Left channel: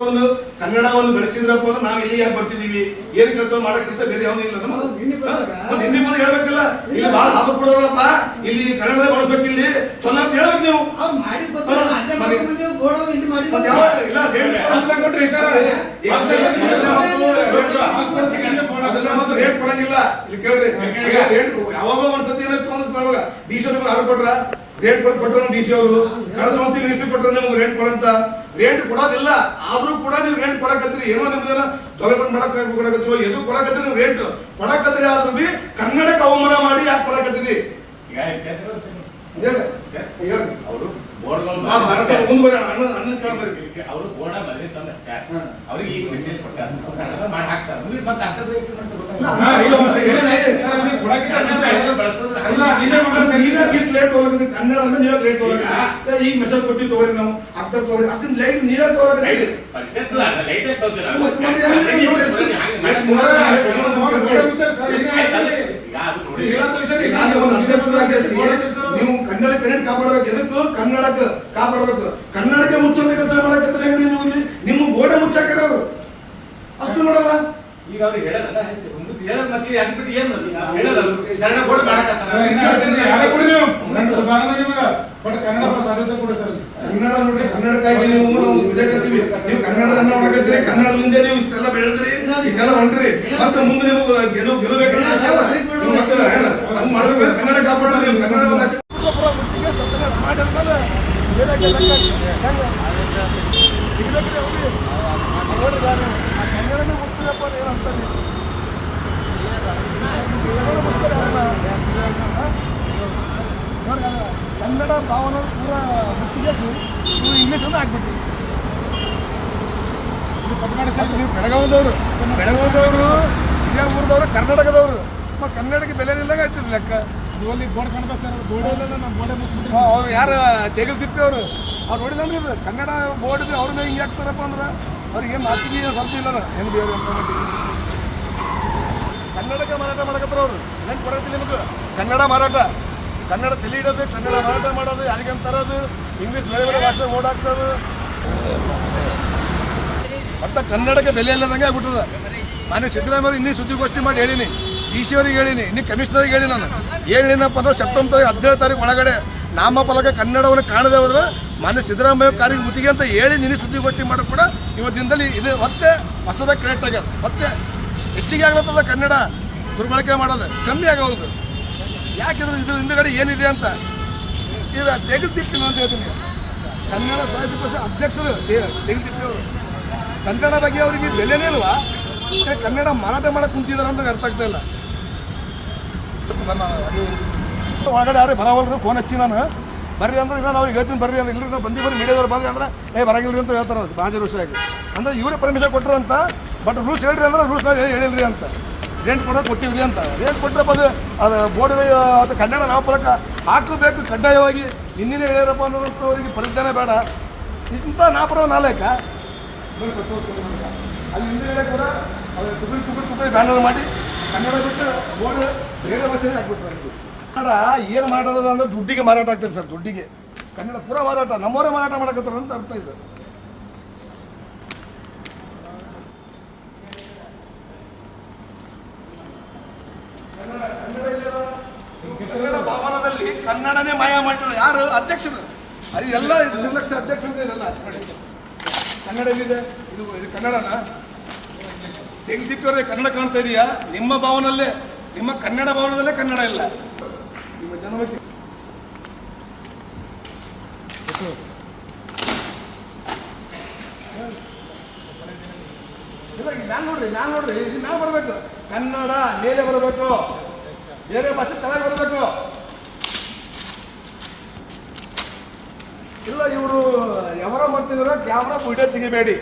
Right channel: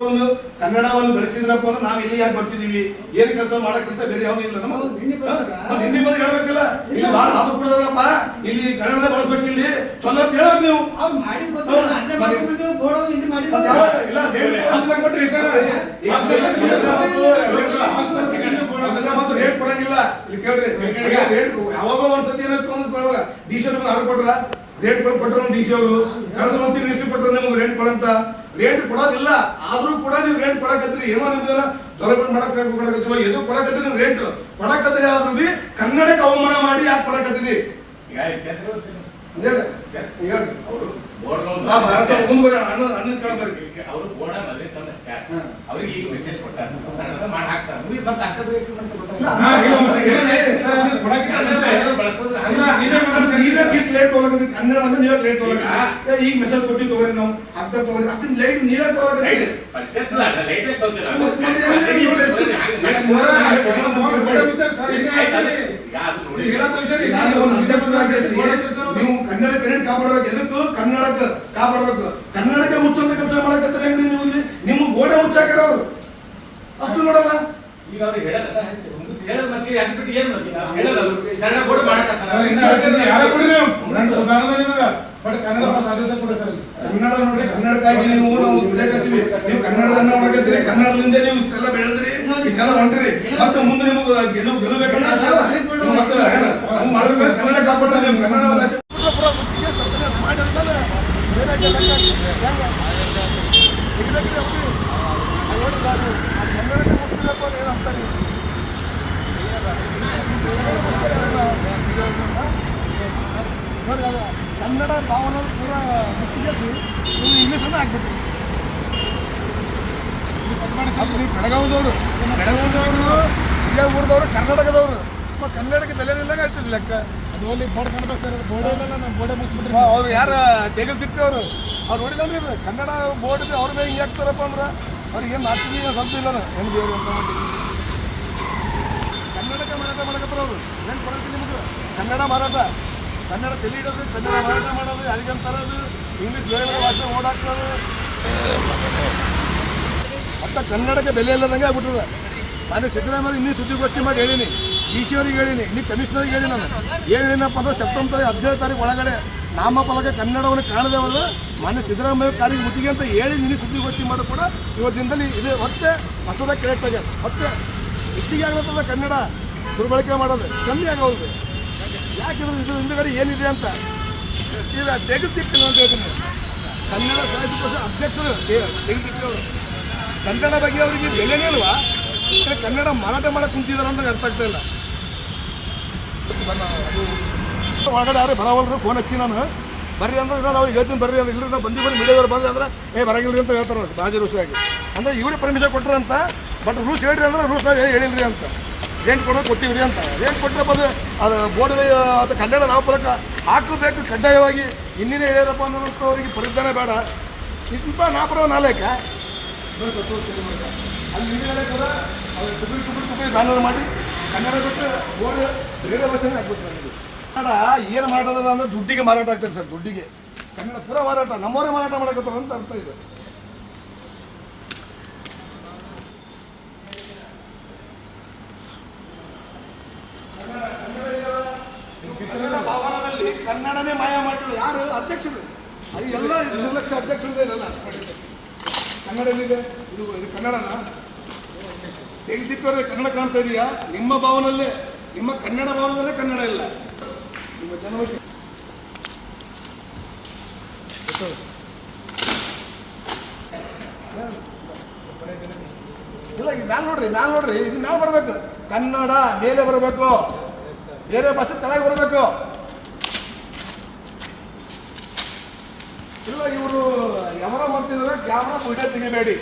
ಒಂದು ಕನ್ನಡವನ್ನು ಬೆಳೆಸಿದ್ರಪ್ಪ ಅಂದ್ರೆ ನಾವು ಇಲ್ಲಿ ಯಾಕೆ ಬರ್ತಿದೀವಿ ಏನ್ ಕೆಲಸ ಮಾಡಕ್ ಕೆಲಸ ಬೇರೆ ಯಾವ್ದು ಇಲ್ಲ ನಮ್ಮ ಹಿಂದಿ ಬಂದು ಹೇಳ್ಬೇಕಲ್ಲ? ಇಲ್ಲಿ. ಬಹಳ ಸಾಧು ಕೊಡೋರಪ್ಪ ಇಲ್ಲಿ ಕನ್ನಡ ಬಳಸ್ಬೇಕು ಇಲ್ಲಿ. ಚಲೋ ಅಂತ ಹೇಳ್ಬೇಕು ನೀವು. ಅದನ್ನ ಮಾತ್ರ ರೇಟ್ ಕೊಡಂಗಿಲ್ಲ. ಇಲ್ಲಿ ಕೇಳ್ರಿ. ರೇಟ್ ಯಾವಾಗ ಒಂದ್ಸತಿ ಸತಿ ಡಿ ಸಿ ಅವ್ರಿಗೆ ಆರ್ಡರ್ ಕೊಟ್ರ? ರೇಟ್ ಕೊಟ್ರು ಡಿ ಸಿ ಅವರು. ಕಳೆದ ಮಂತ್ರಿ ಲಿಸ್ಟ್ ಕೊಟ್ರು ನಿಮ್ಗೆ ರೇಟ್ ಕೊಡಂತ. ರೇಟ್ ಕೊಡೋದಿಲ್ಲ ಆದ್ರೂ ಕೂಡ ನೀವು ರೇಟ್ ಕೊಡಕತ್ತೀರಿ. ಏನೋ ನಿಮ್ದೇನ ಡೆವಲಪ್ಮೆಂಟ್ ಮಾಡಕ್ ಕೊಡಕತ್ತೀವೋ ಎದು ಕೊಡಕತ್ತೀರಿ ನೀವು ರೇಟ್ ಕೊಡಕತ್ತೀರಿ ಆದ್ರೂ ಬಿ ಕನ್ನಡಕ್ಕೆ ಅವಮಾನ ಮಾಡಿ ಯಾಕೆ ಕೊಡಕತ್ತೀರಿ? ಅವ್ರು ಅವರು ಬೋರ್ಡ ತಂದ ಚಾರ್. ಅವ್ರಿಗೆ ಈಗ ಮೆಸೇಜ್ ಕೊಟ್ಟಾರ. ಮಾಡಿ ಹಾಕ್ತಾರೆ. ಮುಗಿದ್ ಮತ್ತೆ ಹಾಕಬೇಕು ಅಂತ ಈಗ ಮೆಸೇಜ್ ಕೊಟ್ಟು ತಗೋರಿ ನಾವು. ಅರ್ಧ ತಗೋರಿ. ಅಷ್ಟು ಲೈಟ್ ನೀವೇ ತಗೋರಿ. ರೈಟ್ ಪರಿಷತ್ ನೀವು ನೋಡಿ. ಕನ್ನಡ ಕನ್ನಡ ಕಾಪಾಡಬೇಕು. ಎದಕ್ಕೂ? ಕನ್ನಡಕ್ಕೆ ಕಾಪಾಡಬೇಕು. ಕನ್ನಡಕ್ಕೆ ಮುಚ್ಚುವಂತ ಕೆಲಸ ಮಾಡಕ್ಕೆ ಹೆಂಗ್ರಿ ನೀವು ಇಲ್ಲಿ? ನಿಮ್ಮ ಗೋಡೆ ಮುಚ್ಚಾಕ್ಯಾರ ಅವರು. ಅಷ್ಟು ನೋಡಲ್ಲ ಈಗ ಮತ್ತೆ ಅದ್? ಬಿಟ್ಟು ಏನ್ ಶರಣ ಬಟ್ ಕನ್ನಡ ಭಾಳ ಸಾಧ್ಯತೆ ಕೊಡಿ ಸರ್. ಕನ್ನಡ ನೋಡಿ ಕನ್ನಡಕ್ಕಾಗಿ ನೀವು ನಾವು ದುಡಿಯಕತ್ತೀವಿ ನೀವು ಕನ್ನಡದನ್ನ ಮಾಡಕತ್ತೀರಿ ಕನ್ನಡದಿಂದ ನೀವು ಇಷ್ಟೆಲ್ಲ ಬೆಳೆದ್ರಿ ಇಷ್ಟೆಲ್ಲ ಹೊಂಟ್ರಿ. ಮತ್ತೆ ಮುಂದೆ ನಿಮಗೆ ಗೆಲುವು ಆಸೆ ಮತ್ತೆ ಹಂಗ್ ಮಾಡ್ಬೇಕು ಕನ್ನಡ ಕಾಪಾಡ್ರಿ ನೀವು. ಕನ್ನಡ ಭಾಷೆ ಅಂತ ಏನು ಅಂತಾನೆ ಕನ್ನಡ ಭಾವನ ಪೂರ ಮುಟ್ಟಿಗೆ ನೀವು ಇಂಗ್ಲೀಷ್ ಅನ್ನ ಹಾಕ್ಬಿಟ್ರಿ ನೀವು ಬೆಳಗಾವದವರು ಬೆಳಗಾವದವರು ಇದೇ ಊರದವರು ಕರ್ನಾಟಕದವರು ಕನ್ನಡಕ್ಕೆ ಬೆಲೆ ಇಲ್ಲಂಗೆ ಆಯ್ತದ ಲೆಕ್ಕ. ಅವ್ರು ಯಾರು ತಿಪ್ಪಿ ಅವರು. ಅವ್ರು ನೋಡಿದ್ರೆ ಇದು ಕನ್ನಡ ಬೋರ್ಡ್ ಅವ್ರ ಮೇಲೆ ಹಿಂಗೆ ಹಾಕ್ತಾರಪ್ಪ ಅಂದ್ರೆ ಅವ್ರಿಗೆ ಏನು ನಾಚಿಕೆ ಸ್ವಲ್ಪ ಇಲ್ಲ ಏನು ಬೇರೆ ಅಂತ ಕನ್ನಡಕ್ಕೆ ಮಾರಾಟ ಮಾಡಕತ್ತಾರ ಅವರು. ಏನು ಕೊಡಕತ್ತಿಲ್ಲ ನಿಮಗೆ. ಕನ್ನಡ ಮಾರಾಟ. ಕನ್ನಡ ತಲೆ ಇಡೋದು, ಕನ್ನಡ ಮಾರಾಟ ಮಾಡೋದು ಅದಕ್ಕೆ ತರೋದು ಇಂಗ್ಲೀಷ್ ಬೇರೆ ಬೇರೆ ಭಾಷೆ ಓಡಾಕ್ಸೋದು ಮತ್ತೆ ಕನ್ನಡಕ್ಕೆ ಬೆಲೆ ಇಲ್ಲದಂಗೆ ಆಗ್ಬಿಟ್ಟದ. ನಾನು ಸಿದ್ದರಾಮಯ್ಯ ಇನ್ನೂ ಸುದ್ದಿಗೋಷ್ಠಿ ಮಾಡಿ ಹೇಳಿನಿ. ಡಿ ಸಿ ಅವ್ರಿಗೆ ಹೇಳಿನಿ ಇನ್ನು ಕಮಿಷನರ್ಗೆ ಹೇಳಿ ನಾನು. ಹೇಳಿನಪ್ಪ ಅಂದ್ರೆ ಸೆಪ್ಟೆಂಬರ್ ಹದಿನೇಳು ತಾರೀಕು ಒಳಗಡೆ ನಾಮಫಲಕ ಕನ್ನಡವನ್ನು ಕಾಣದೆ ಹೋದ್ರೆ ಮಾನ್ಯ ಸಿದ್ದರಾಮಯ್ಯ ಕಾರಿಗೆ ಮುತ್ತಿಗೆ ಅಂತ ಹೇಳಿ ನಿನ್ನೆ ಸುದ್ದಿಗೋಷ್ಠಿ ಮಾಡಿ ಕೂಡ ಇವತ್ತಿನದಲ್ಲಿ ಇದು ಮತ್ತೆ ಹೊಸದ ಕ್ರಿಯೇಟ್ ಆಗ್ಯದ. ಮತ್ತೆ ಹೆಚ್ಚಿಗೆ ಆಗ್ಲತ್ತದ ಕನ್ನಡ ದುರ್ಬಳಕೆ ಮಾಡೋದು. ಕಮ್ಮಿ ಆಗೋದು. ಯಾಕೆಂದ್ರೆ ಇದ್ರ ಹಿಂದುಗಡೆ ಏನಿದೆ ಅಂತ ಇದು ತೆಗೆದಿಕ್ಕಿಲ್ಲ ಅಂತ ಹೇಳ್ತೀನಿ. ಕನ್ನಡ ಸಾಹಿತ್ಯ ಪರಿಷತ್ ಅಧ್ಯಕ್ಷರು ಅವರು ಕನ್ನಡ ಬಗ್ಗೆ ಅವರಿಗೆ ಬೆಲೆನೇ ಇಲ್ವಾ? ಕನ್ನಡ ಮಾರಾಟ ಮಾಡಕ್ಕೆ ಕುಂತಿದಾರ ಅಂತ ಅರ್ಥ ಆಗ್ತಾ ಇಲ್ಲ. ಯಾರೇ ಬರವಲ್ರು? ಫೋನ್ ಹಚ್ಚಿ ನಾನು. ಬರ್ರಿ ಅಂದ್ರೆ ಇನ್ನೂ ನಾವು ಹೇಳ್ತೀನಿ, ಬರ್ರಿ ಅಂದ್ರೆ ಇಲ್ಲರಿ ನಾವು ಬಂದಿ ಬರ್ರಿ ಮೀಡಿಯಾದವ್ರು ಬಂದ್ರೆ ಅಂದ್ರೆ, ಏ, ಬರಂಗಿಲ್ರಿ ಅಂತ ಹೇಳ್ತಾರೆ ಬಾಜಿ ಋಷಿಯಾಗಿ ಅಂದ್ರೆ ಇವರೇ ಪರ್ಮಿಷನ್ ಕೊಟ್ಟರಂತ ಬಟ್ ರೂಲ್ಸ್ ಹೇಳ್ರಿ ಅಂದ್ರೆ ರೂಲ್ಸ್ ನಾವು ಹೇಳಿಲ್ರಿ ಅಂತ. ರೇಟ್ ಕೊಡೋದು ಕೊಟ್ಟಿವ್ರಿ ಅಂತ. ರೇಟ್ ಕೊಟ್ಟರೆ ಅದು ಅದು ಬೋರ್ಡ್ ಅದು ಕನ್ನಡ ನಾವು ಪದಕ ಹಾಕಬೇಕು ಕಡ್ಡಾಯವಾಗಿ. ಇನ್ನೇನು ಹೇಳ್ಯಾರಪ್ಪ ಅವರಿಗೆ ಪರಿಜ್ಞಾನ ಬೇಡ. ಇಂಥ ನಾಪರ ನಾಲೇಕ. ಅಲ್ಲಿ ಹಿಂದಿನ ಕೂಡ ಅವ್ರಿಗೆ ಟುಕಡಿ ಟುಕಡಿ ಟುಕಡಿ ಬ್ಯಾನರ್ ಮಾಡಿ ಕನ್ನಡ ಬಿಟ್ಟು ಬೋರ್ಡ್ ಬೇರೆ ಭಾಷೆನೇ ಹಾಕ್ಬಿಟ್ರು ನನಗೆ ಕನ್ನಡ ಏನು ಮಾಡೋದ ಅಂದ್ರೆ ದುಡ್ಡಿಗೆ ಮಾರಾಟ ಆಗ್ತದೆ ಸರ್, ದುಡ್ಡಿಗೆ. ಕನ್ನಡ ಪೂರ ಮಾರಾಟ, ನಮ್ಮವರೇ ಮಾರಾಟ ಮಾಡಕತ್ತಾರ ಅಂತ ಅರ್ಥ ಇದೆ. ಕನ್ನಡ ಭವನದಲ್ಲಿ ಕನ್ನಡನೇ ಮಾಯ ಮಾಡ್ತಾರೆ. ಯಾರು? ಅಧ್ಯಕ್ಷರು. ಅದು ಎಲ್ಲ ನಿರ್ಲಕ್ಷ್ಯ ಅಧ್ಯಕ್ಷರು ಇರಲ್ಲ. ಕನ್ನಡ ಏನಿದೆ? ಇದು ಇದು ಕನ್ನಡನ? ತೆಗೆದಿಟ್ಟವ್ರೆ ಕನ್ನಡ ಕಾಣ್ತಾ ಇದೆಯಾ? ನಿಮ್ಮ ಭಾವನಲ್ಲೇ, ನಿಮ್ಮ ಕನ್ನಡ ಭಾವನದಲ್ಲೇ ಕನ್ನಡ ಇಲ್ಲ. ನಿಮ್ಮ ಜನವರಿ ಇಲ್ಲ ಈಗ ಮ್ಯಾಲ್ ನೋಡ್ರಿ ಮ್ಯಾಲ್ ನೋಡ್ರಿ, ಇದು ಮ್ಯಾಲ್ ಬರಬೇಕು. ಕನ್ನಡ ಮೇಲೆ ಬರಬೇಕು. ಬೇರೆ ಭಾಷೆ ತಲೆಗೆ ಬರಬೇಕು. ಇಲ್ಲ, ಇವರು ಯಾವ ಮಾಡ್ತಿದ್ರೆ, ಕ್ಯಾಮ್ರಾ ವಿಡಿಯೋ ತೆಗಿಬೇಡಿ.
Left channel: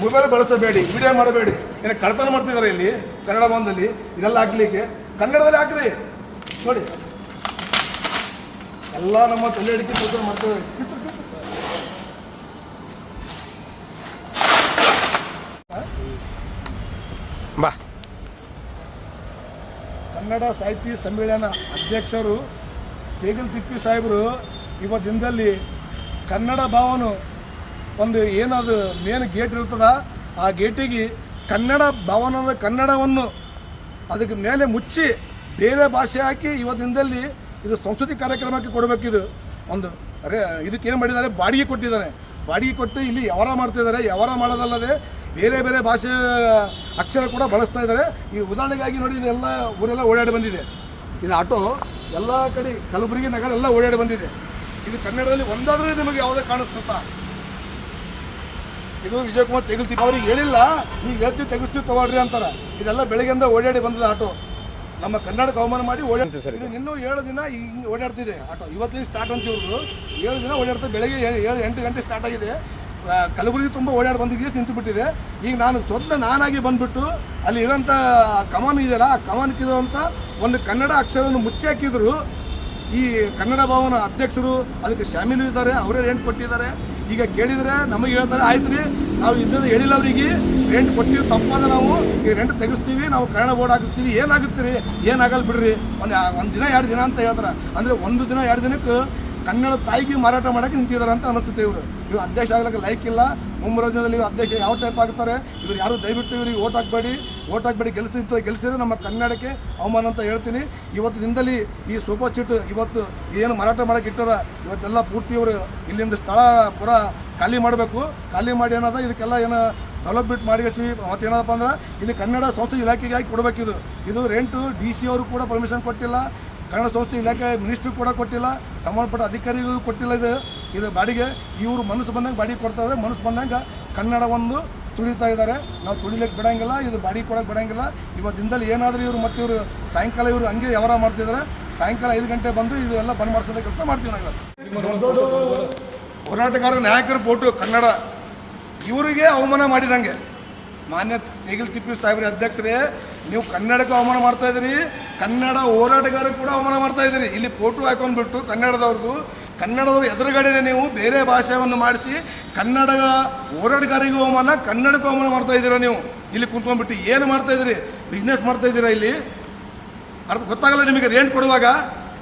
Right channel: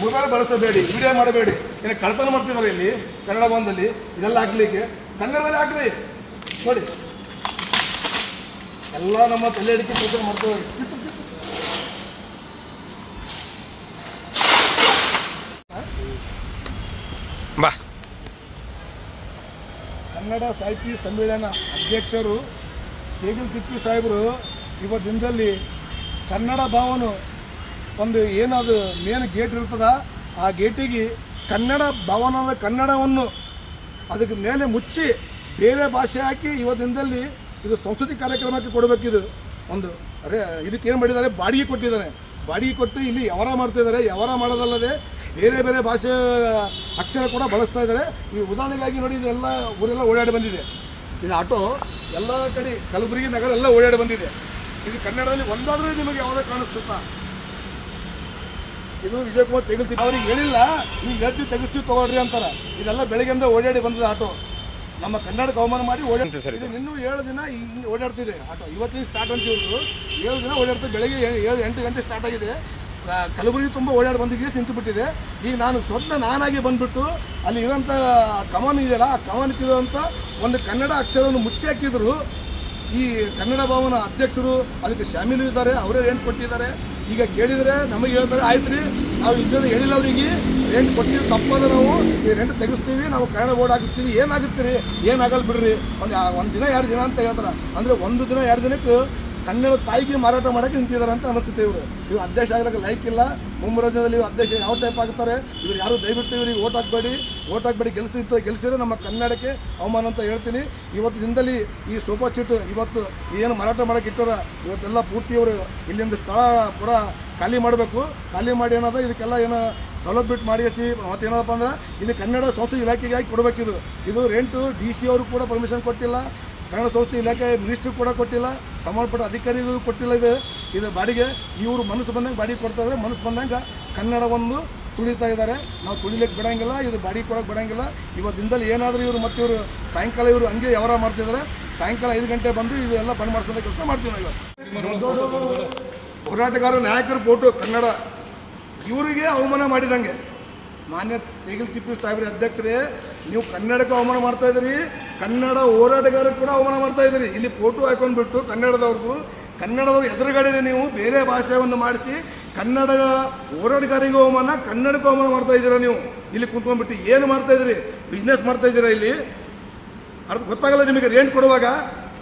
ಮೊಬೈಲ್ ಬಳಸಬೇಡಿ ವಿಡಿಯೋ ಮಾಡಬೇಡಿ. ಏನು ಕಳ್ತನ ಮಾಡ್ತಿದ್ದಾರೆ ಇಲ್ಲಿ ಕನ್ನಡ ಭವನದಲ್ಲಿ ಇದೆಲ್ಲ ಹಾಕ್ಲಿಕ್ಕೆ. ಕನ್ನಡದಲ್ಲಿ ಹಾಕ್ರಿ. ನೋಡಿ. ಎಲ್ಲ ನಮ್ಮ ತಲೆ ಹಿಡಿದು ಕೂತ್ಕೊಂಡು ಮಾಡ್ತೇವೆ. ಬಾ. ಕನ್ನಡ ಸಾಹಿತ್ಯ ಸಮ್ಮೇಳನ ಅಧ್ಯಕ್ಷರು ತೇಗಲ್ ತಿಪ್ಪಿ ಸಾಹೇಬರು ಇವ ದಿನದಲ್ಲಿ ಕನ್ನಡ ಭಾವನು ಒಂದು ಏನದು ಮೇನ್ ಗೇಟ್ ಇರ್ತದ. ಆ ಗೇಟಿಗೆ ಕನ್ನಡ ಭವನದ ಕನ್ನಡವನ್ನು ಅದಕ್ಕೆ ಮೇಲೆ ಮುಚ್ಚಿ ಬೇರೆ ಭಾಷೆ ಹಾಕಿ ಇವತ್ತಿನದಲ್ಲಿ ಇದು ಸಂಸ್ಕೃತಿ ಕಾರ್ಯಕ್ರಮಕ್ಕೆ ಕೊಡಬೇಕಿದು ಒಂದು ಅರೆ, ಇದಕ್ಕೆ ಏನು ಮಾಡಿದ್ದಾರೆ? ಬಾಡಿಗೆ ಕೊಟ್ಟಿದ್ದಾರೆ. ಬಾಡಿಗೆ ಕೊಟ್ಟು ಇಲ್ಲಿ ವ್ಯವಹಾರ ಮಾಡ್ತಿದ್ದಾರೆ ವ್ಯವಹಾರ ಮಾಡೋದಲ್ಲದೆ ಬೇರೆ ಬೇರೆ ಭಾಷೆ ಅಕ್ಷರ ಕೂಡ ಬಳಸ್ತಾ ಇದ್ದಾರೆ. ಈ ಉದಾಹರಣೆಗಾಗಿ ನೋಡಿ, ಇದೆಲ್ಲ ಊರೆಲ್ಲ ಓಡಾಡಿ ಬಂದಿದೆ. ಇದು ಆಟೋ, ಎಲ್ಲ ಕಡೆ ಕಲಬುರಗಿ ನಗರ ಎಲ್ಲ ಓಡಾಡಿ ಬಂದಿದೆ. ಇದು ಕನ್ನಡದಲ್ಲಿ ಒಂದಾದರೂ ನಿಮಗೆ ಯಾವುದೇ ಕಾಣಿಸ್ತಾ ಇದು ವಿಜಯಕುಮಾರ್ ತೆಗಿತೀವಿ ಅವ್ರಿಗೆ ಹೇಳಿಲ್ಲ. ಈಗ ಹೇಳ್ತೀವಿ ತೆಗಿಸ್ತೀವಿ ತಗೊಳ್ರಿ ಅಂತಾರೆ. ಇದೆಲ್ಲ ಬೆಳಗ್ಗೆಯಿಂದ ಓಡಾಡಿ ಬಂದಿದೆ ಆಟೋ. ನಮ್ಮ ಕನ್ನಡಕ್ಕೆ ಅವಮಾನ ಮಾಡಿ ಓಡಾಡ್ತಿ ಇದು? ಇನ್ನೂ ಏಳು ದಿನ ಹಿಂಗೆ ಓಡಾಡ್ತಿದೆ ಆಟೋ. ಇವತ್ತಿನ ಸ್ಟಾರ್ಟ್ ಅಂತ ಇವರು ಏಳು ದಿನ ಓಡಾಡ್ತಾರೆ ಬೆಳಗ್ಗೆ ಏಳು ಏಳು ಎಂಟು ಗಂಟೆ ಸ್ಟಾರ್ಟ್ ಆಗಿದೆ. ಕಲಬುರಗಿ ತುಂಬ ಓಡಾಡಿ ಬಂದಿದ್ದೀವಿ ನಿಂತು ಬಿಟ್ಟಿದೆ. ಈಗ ನಾನು ಸ್ವಂತ ನಾನಾಗಿ ಬಂದ್ಬಿಟ್ಟು ಅಲ್ಲಿ ಇರೋಂಥ ಕಮಾನ್ ಇದೆಯಲ್ಲ ಆ ಕಮಾನಕ್ಕಿರುವಂಥ ಒಂದು ಕನ್ನಡ ಅಕ್ಷರವನ್ನು ಮುಚ್ಚಿ ಹಾಕಿದ್ರು. ಈ ಕನ್ನಡ ಭವನ ಅಧ್ಯಕ್ಷರು ಅದಕ್ಕೆ ಶಾಮೀಲು ಇದ್ದಾರೆ ಅವರೇ ರೆಂಟ್ ಕೊಟ್ಟಿದ್ದಾರೆ. ಈಗ ಕೇಳಿದರೆ ನಮಗೆ ಹೇಳ್ತಾರೆ ಆಯ್ತು ರೀ ನಾವು ಇದ್ದದ್ದು ಹೇಳಿಲ್ಲ ಅವರಿಗೆ ರೆಂಟ್ ಕೊಟ್ಟಿವಿ ತಪ್ಪದ ನಾವು, ಈ ರೆಂಟ್ ತೆಗಿಸ್ತೀವಿ, ನಾವು ಕನ್ನಡ ಬೋರ್ಡ್ ಹಾಕಿಸ್ತೀವಿ ಏನಾಗುತ್ತೆ ರೀ ಏನಾಗಲ್ಲ ಬಿಡ್ರಿ. ಒಂದು ಒಂದು ದಿನ, ಎರಡು ದಿನ ಅಂತ ಹೇಳ್ತಾರೆ. ಅಂದರೆ ಒಂದು ದಿನ, ಎರಡು ದಿನಕ್ಕೆ ಕನ್ನಡ ತಾಯಿಗೆ ಮಾರಾಟ ಮಾಡೋಕೆ ನಿಂತಿದ್ದಾರೆ ಅಂತ ಅನಿಸುತ್ತೆ ಇವರು. ಇವ್ರು ಅಧ್ಯಕ್ಷ ಆಗ್ಲಿಕ್ಕೆ ಲೈಕ್ ಇಲ್ಲ. ಮುಂಬರೋ ದಿನದಲ್ಲಿ ಇವ್ರು ಅಧ್ಯಕ್ಷ ಯಾವ ಟೈಪ್ ಆಗ್ತಾರೆ? ಇವ್ರು ಯಾರು ದಯವಿಟ್ಟು ಇವ್ರಿಗೆ ಓಟ್ ಹಾಕಬೇಡಿ. ಓಟ್ ಹಾಕಬೇಡಿ. ಗೆಲ್ಸಿ ಗೆಲ್ಸಿದ್ರೆ ನಮ್ಮ ಕನ್ನಡಕ್ಕೆ ಅವಮಾನ ಅಂತ ಹೇಳ್ತೀನಿ. ಇವತ್ತು ದಿನದಲ್ಲಿ ಈ ಸೂಪರ್ ಚೀಟ್ ಇವತ್ತು ಏನು ಮಾರಾಟ ಮಾಡಕ್ಕೆ ಇಟ್ಟಾರ, ಇವತ್ತೆಲ್ಲ ಪೂರ್ತಿ ಇವರು ಇಲ್ಲಿಂದ ಸ್ಥಳ ಪೂರ ಖಾಲಿ ಮಾಡಬೇಕು. ಖಾಲಿ ಮಾಡಿ ಏನದ? ಇದಕ್ಕೆಲ್ಲ ಏನು ಡೆವಲಪ್ಮೆಂಟ್ ಮಾಡಿಸಿ ಮತ್ತೇನಪ್ಪ ಅಂದ್ರೆ, ಇದು ಕನ್ನಡ ಸಂಸ್ಕೃತಿ ಇಲಾಖೆಗೆ ಹಾಕಿ ಕೊಡಬೇಕಿದು ಇದು. ರೆಂಟು ಡಿ ಸಿ ಅವರು ಕೂಡ ಪರ್ಮಿಷನ್ ಕೊಟ್ಟಿಲ್ಲ. ಕನ್ನಡ ಸಂಸ್ಥೆ ಇಲಾಖೆ ಮಿನಿಸ್ಟ್ರಿ ಕೂಡ ಕೊಟ್ಟಿಲ್ಲ, ಸಂಬಂಧಪಟ್ಟ ಅಧಿಕಾರಿಗಳು ಕೊಟ್ಟಿಲ್ಲ ಇದು ಇದು ಬಾಡಿಗೆ. ಇವರು ಮನಸ್ಸು ಬಂದಂಗೆ ಬಾಡಿಗೆ ಕೊಡ್ತಾ ಇದ್ದಾರೆ ಮನಸ್ಸು ಬಂದಂಗೆ ಕನ್ನಡವನ್ನು ತುಳಿತಾ ಇದ್ದಾರೆ ನಾವು ತುಳಿಲಿಕ್ಕೆ ಬಿಡೋಂಗಿಲ್ಲ, ಇದು ಬಾಡಿಗೆ ಕೊಡೋಕೆ ಬಿಡೋಂಗಿಲ್ಲ. ದಿನದಲ್ಲಿ ಏನಾದರೂ ಇವರು ಮತ್ತೆ ಇವರು ಸಾಯಂಕಾಲ ಇವರು ಹಂಗೆ ವ್ಯವಹಾರ ಮಾಡ್ತಿದ್ದಾರೆ ಸಾಯಂಕಾಲ ಐದು ಗಂಟೆ ಬಂದು ಇದೆಲ್ಲ ಬಂದ್ ಮಾಡಿಸೋದ ಕೆಲಸ ಮಾಡ್ತೀವಿ ನಾವು ಇವತ್ತು. ಹೋರಾಟಗಾರ ನಾಯಕರು ಫೋಟೋ ಕನ್ನಡ. ಇವರಿಗೆ ಅವಮಾನ ಮಾಡಿದಂಗೆ. ಮಾನ್ಯ ಈಗಲ್ ತಿಪ್ಪಿ ಸಾಹೇಬ್ರ ಅಧ್ಯಕ್ಷರೇ, ನೀವು ಕನ್ನಡಕ್ಕೆ ಅವಮಾನ ಮಾಡ್ತಾ ಇದ್ದೀರಿ, ಕನ್ನಡ ಹೋರಾಟಗಾರರು ಕೂಡ ಅವಮಾನ ಮಾಡ್ತಾ ಇದ್ದೀರಿ. ಇಲ್ಲಿ ಫೋಟೋ ಹಾಕೊಂಡ್ಬಿಟ್ಟು ಕನ್ನಡದವ್ರದ್ದು ಕನ್ನಡದವ್ರ ಎದುರುಗಡೆನೆ ನೀವು ಬೇರೆ ಭಾಷೆಯನ್ನು ಮಾಡಿಸಿ ಕನ್ನಡ ಹೋರಾಟಗಾರಿಗೂ ಅವಮಾನ, ಕನ್ನಡಕ್ಕೂ ಅವಮಾನ ಮಾಡ್ತಾ ಇದ್ದೀರಾ ನೀವು? ಇಲ್ಲಿ ಕುಂತ್ಕೊಂಡ್ಬಿಟ್ಟು ಏನು ಮಾಡ್ತಾ ಇದ್ದೀರಿ? ಬಿಸ್ನೆಸ್ ಮಾಡ್ತಾ ಇದ್ದೀರಾ ಇಲ್ಲಿ? ಅರ್ಥ ಗೊತ್ತಾಗಲ್ಲ ನಿಮಗೆ ರೇಂಟ್ ಕೊಡುವಾಗ?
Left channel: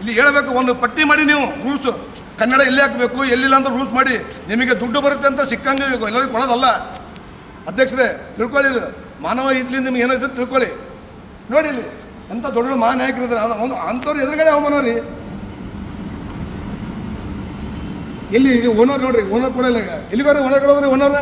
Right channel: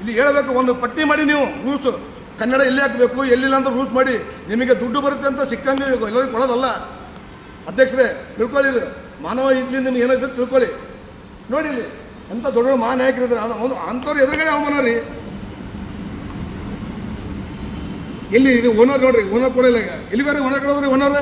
ಇಲ್ಲಿ ಹೇಳಬೇಕು, ಒಂದು ಪಟ್ಟಿ ಮಾಡಿ ನೀವು ರೂಲ್ಸು ಕನ್ನಡ ಎಲ್ಲಿ ಹಾಕಬೇಕು, ಎಲ್ಲಿಲ್ಲ ಅಂತ ರೂಲ್ಸ್ ಮಾಡಿ. ನಿಮಗೆ ದುಡ್ಡು ಬರುತ್ತೆ ಅಂತ ಸಿಕ್ಕಂಗೆ ಎಲ್ಲರಿಗೂ ಕೊಡೋದಲ್ಲ ಅಧ್ಯಕ್ಷರೇ, ತಿಳ್ಕೊಳ್ಳಿ ಇದು. ಮಾನವ ಇದ್ಲಿಂದ ನಿಮ್ಗೆ ಏನಾಯ್ತು ತಿಳ್ಕೊಳ್ಳಿ. ನೋಡಿ ಇಲ್ಲಿ ಎಂಥ ದೊಡ್ಡ ಮಾನ ನಾಯಕರಿದ್ದಾರೆ ಅದು ಒಂದು ಅಂಥವ್ರು ಎದುರುಗಡೆ ಅವಮಾನ ರೀ. ಎಲ್ಲಿ ಓನರ್ ನೋಡ್ರಿ, ಓನರ್ ಕೊಡಲ್ಲ ಈಗ. ಎಲ್ಲಿಗಾರ ಓನರ್ ಕೊಡೋದ್ರಿ ಓನರ್